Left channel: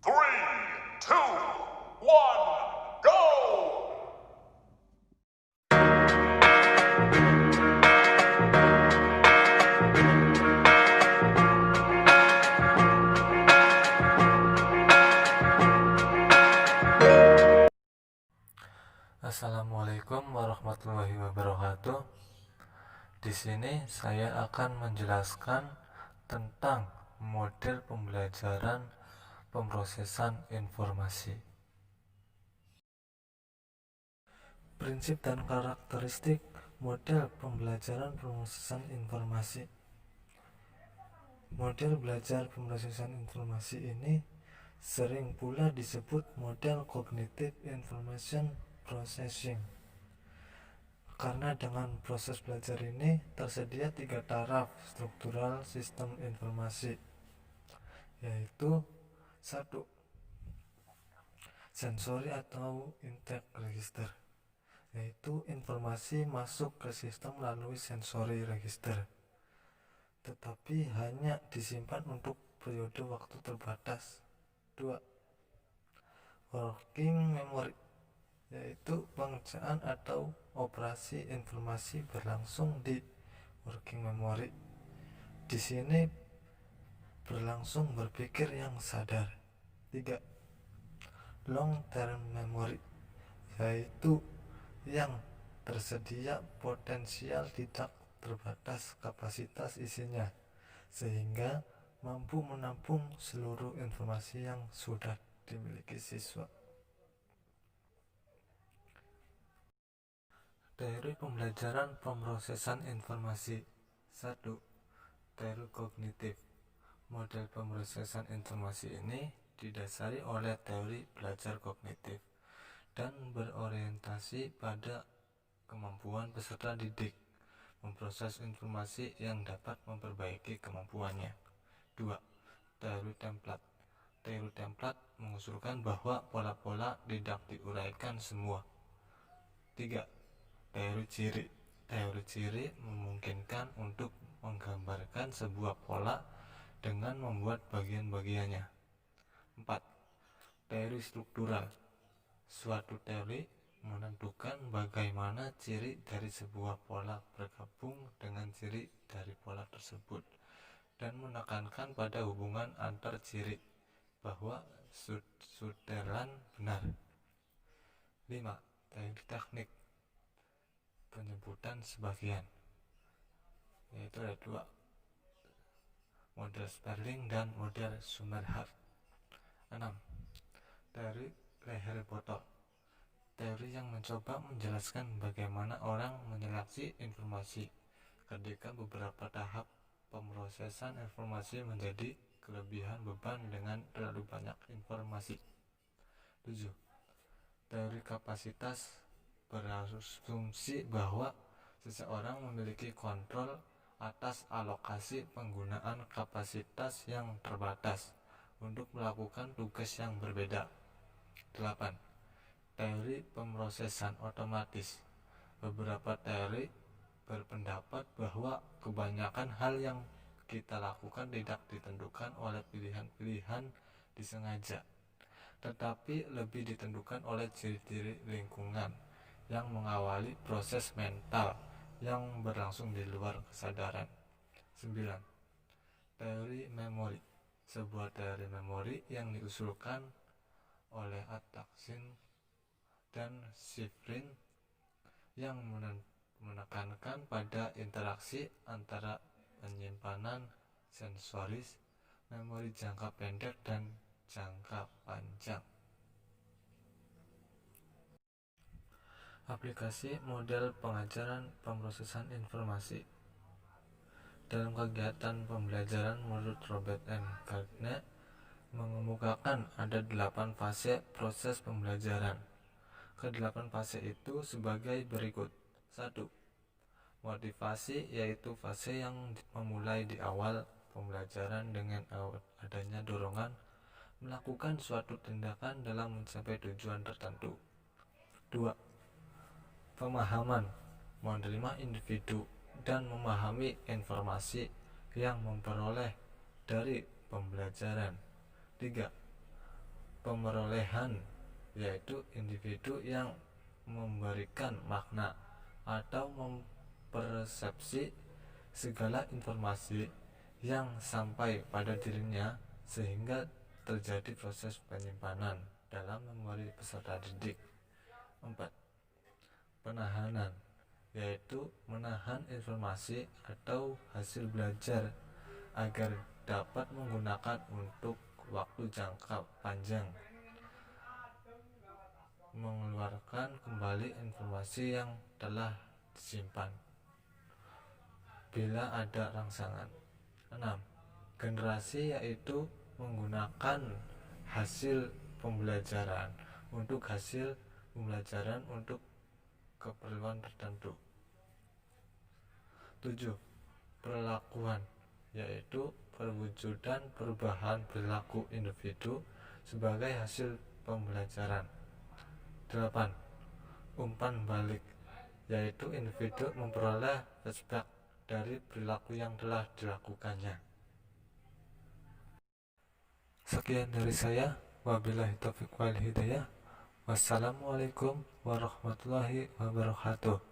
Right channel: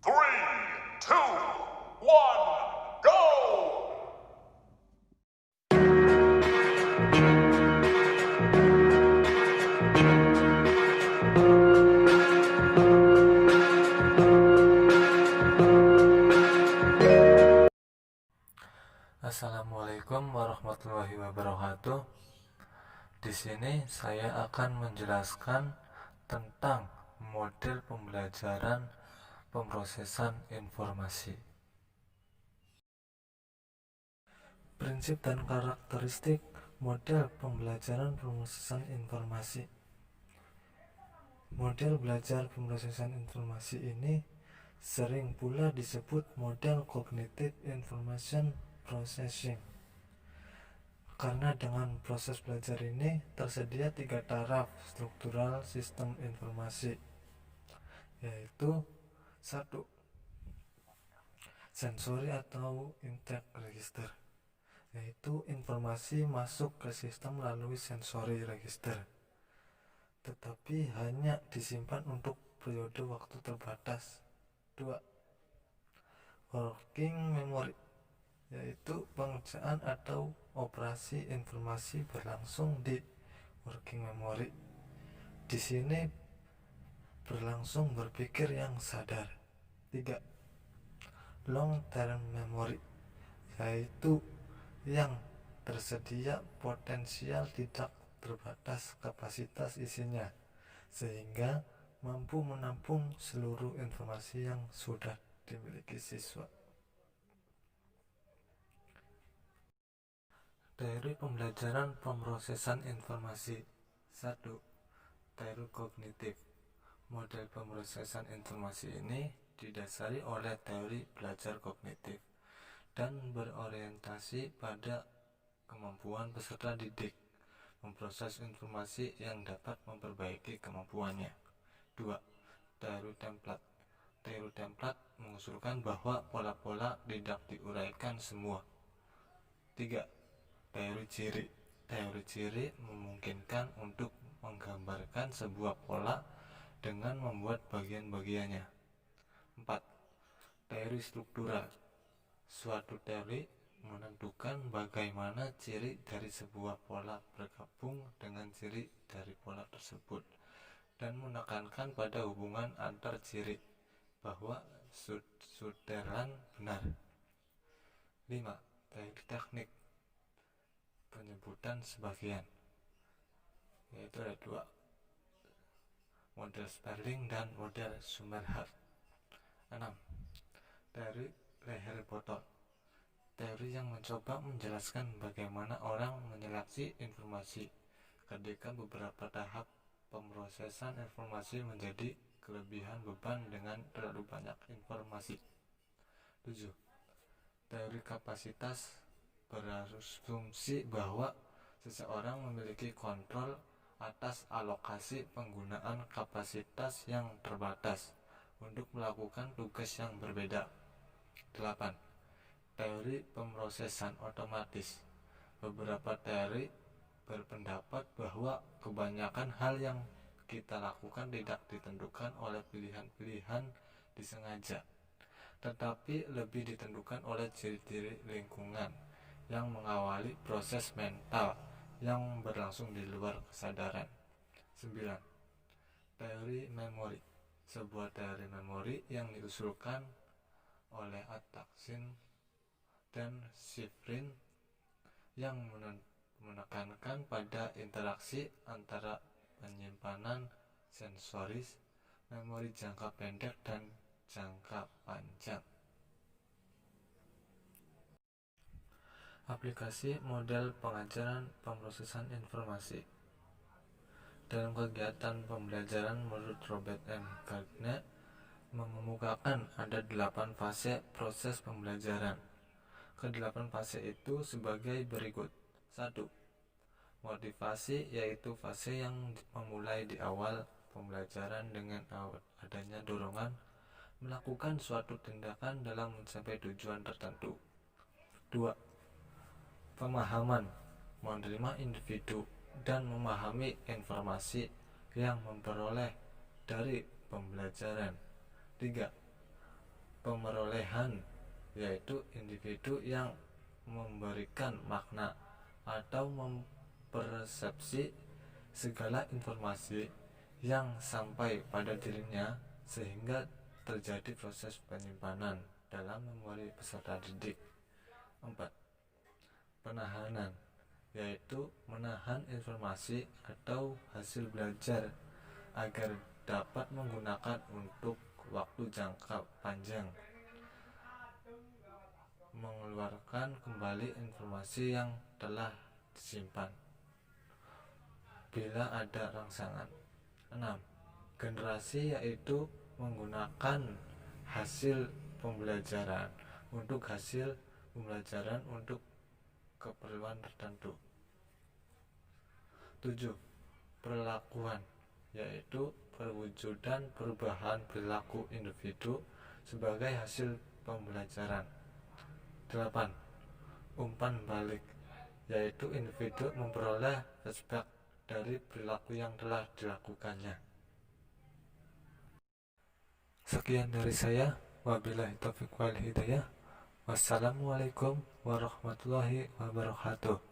Three, two, one, go! Assalamualaikum warahmatullahi wabarakatuh. Di sini saya akan menjelaskan tentang model pembelajaran pemrosesan informasi. Prinsip dan karakteristik model pembelajaran pemrosesan informasi. Model belajar pemrosesan informasi ini sering pula disebut model cognitive information processing, karena dengan proses belajar ini tersedia 3 taraf struktural sistem informasi, yaitu 1. Sensori atau intake register, yaitu informasi masuk ke sistem melalui sensory register, tetapi hanya disimpan untuk periode waktu terbatas. 2. Working memory, yaitu pengerjaan atau operasi informasi berlangsung di working memory. Di sini berlangsung berpikir yang sadar. 3. Long term memory, yaitu yang tersedia potensial tidak terbatas kapasitas isinya, sehingga mampu menampung seluruh informasi yang sudah dimiliki siswa. Teori pembelajaran pemrosesan informasi. 1. Teori kognitif. Model pemrosesan informasi ini didasari oleh teori belajar kognitif dan berorientasi pada kemampuan peserta didik memproses informasi yang dapat memperbaiki kemampuannya. 2. Teori template. Teori template mengusulkan bahwa pola-pola tidak diuraikan semua. 3. Teori ciri. Teori ciri memungkinkan untuk menggambarkan sebuah pola dengan membuat bagian-bagiannya. 4. Teori struktural. Suatu teori menentukan bagaimana ciri dari sebuah pola bergabung dengan ciri dari pola tersebut dan menekankan pada hubungan antar ciri bahwa Sutherland benar. 5. Teori teknik penyebutan sebagian, yaitu ada 2, model Sperling dan model Summerhat. 6. Teori Leher-Botol, teori yang mencoba menjelaskan bagaimana orang menyeleksi informasi ketika beberapa tahap pemrosesan informasi menjadi kelebihan beban dengan terlalu banyak informasi. 7. Teori kapasitas berasumsi bahwa seseorang memiliki kontrol atas alokasi penggunaan kapasitas yang terbatas untuk melakukan tugas yang berbeda. 8. Teori pemrosesan otomatis. Beberapa teori berpendapat bahwa kebanyakan hal yang kita lakukan tidak ditentukan oleh pilihan-pilihan disengaja, tetapi lebih ditentukan oleh ciri-ciri lingkungan yang mengawali proses mental yang berlangsung di luar kesadaran. 9. Teori memori. Sebuah teori memori yang diusulkan oleh Atkinson dan Shiffrin yang menekankan pada interaksi antara penyimpanan sensoris, memori jangka pendek dan jangka panjang. Aplikasi model pengajaran pemrosesan informasi. Dalam kegiatan pembelajaran menurut Robert M. Gardner mengemukakan ada 8 fase proses pembelajaran. Ke-8 fase itu sebagai berikut. 1. Motivasi, yaitu fase yang memulai di awal pembelajaran dengan adanya dorongan melakukan suatu tindakan dalam mencapai tujuan tertentu. 2. Pemahaman, menerima individu dan memahami informasi yang memperoleh dari pembelajaran. 3. pemerolehan, yaitu individu yang memberikan makna atau mempersepsi segala informasi yang sampai pada dirinya sehingga terjadi proses penyimpanan dalam memori peserta didik. 4. Penahanan, yaitu menahan informasi atau hasil belajar agar dapat menggunakan untuk waktu jangka panjang, mengeluarkan kembali informasi yang telah disimpan bila ada rangsangan. 6. Generasi, yaitu menggunakan hasil pembelajaran untuk keperluan tertentu. 7. Perlakuan, yaitu perwujudan perubahan perilaku individu sebagai hasil pembelajaran. 8. Umpan balik, yaitu individu memperoleh feedback dari perilaku yang telah dilakukannya. Sekian dari saya. Wabillahi taufiq wal hidayah. Wassalamualaikum warahmatullahi wabarakatuh.